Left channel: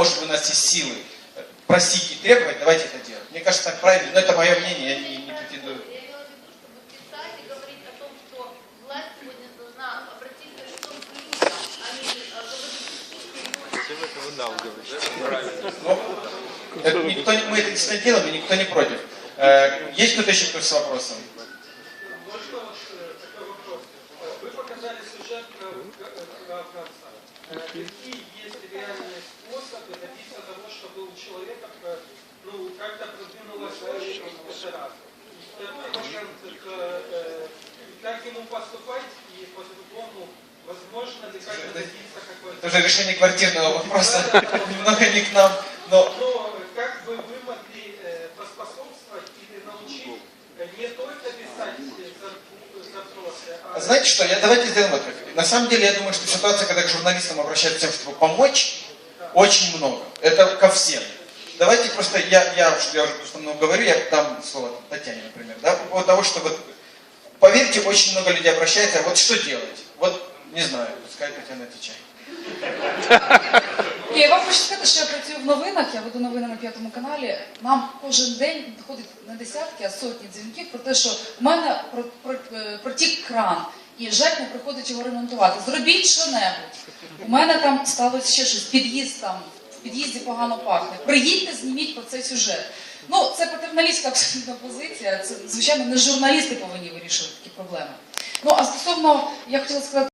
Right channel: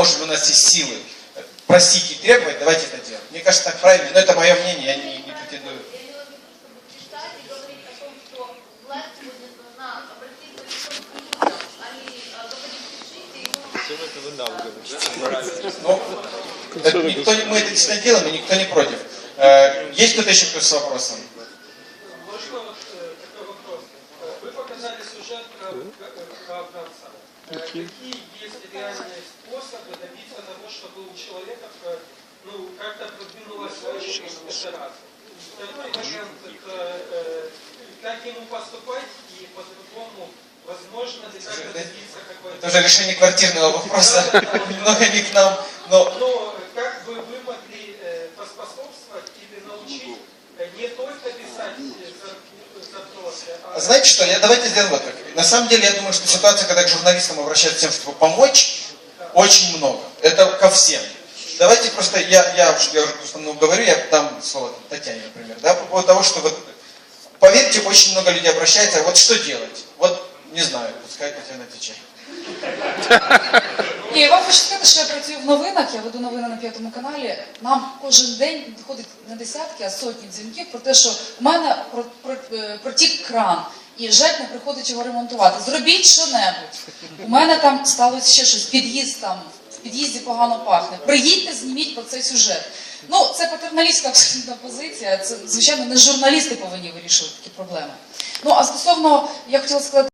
может у нас есть силы просить и требовать, давайте это делать. Мне кажется, так правильно, но это мое мнение, я не, не претендую. Э, Ну, никто, мы это действительно делаем, и никто не против. Э, Есть кто-то еще кто с вопросом? Вы показали сюжет про, про, Какие есть реальные способы добиться того, чтобы у человека ну, как-то продвинулась? Это раз. Второй момент это как ему поступать и по-другому возможно ли как-то добиться Это какой-то... уже решение квартирного вопроса, немного не к нам, но Но как бы вы могли поспособствовать или научить не только писать знаете что, я, давайте сделаем вот как. На самом деле, я думаю, что ситуация, когда к журналистам обращаются тем, чтобы помочь, очень много. Это ко всем. Давайте просто, я, я, я уже просто много говорю, я дам слово Татьяне, например, да, по поводу того, что вот, поверьте, очень много людей обращается, вот что делать? Вот, не знаю, пускай Татьяна отвечает. Ні, я вам хочу сказати, що я працюю в новинах, я веду новини на п'ятому каналі. Нам кожен день доходить не десятки, а сотні дзвінків про те, що в мене е, протік кран. І ЖЕК приходить його ремонтувати. Зробіть що-небудь. У мене там сталося ще щось, під'їзд там, в під'їзді погано пахне. Приїдьте, зніміть про цей сюжет. Ну, це патерналістська абсолютна позиція. Це, звичайно, не журналісти повинні вирішувати такі проблеми. Ну, а стосовно, я хотіла сказати.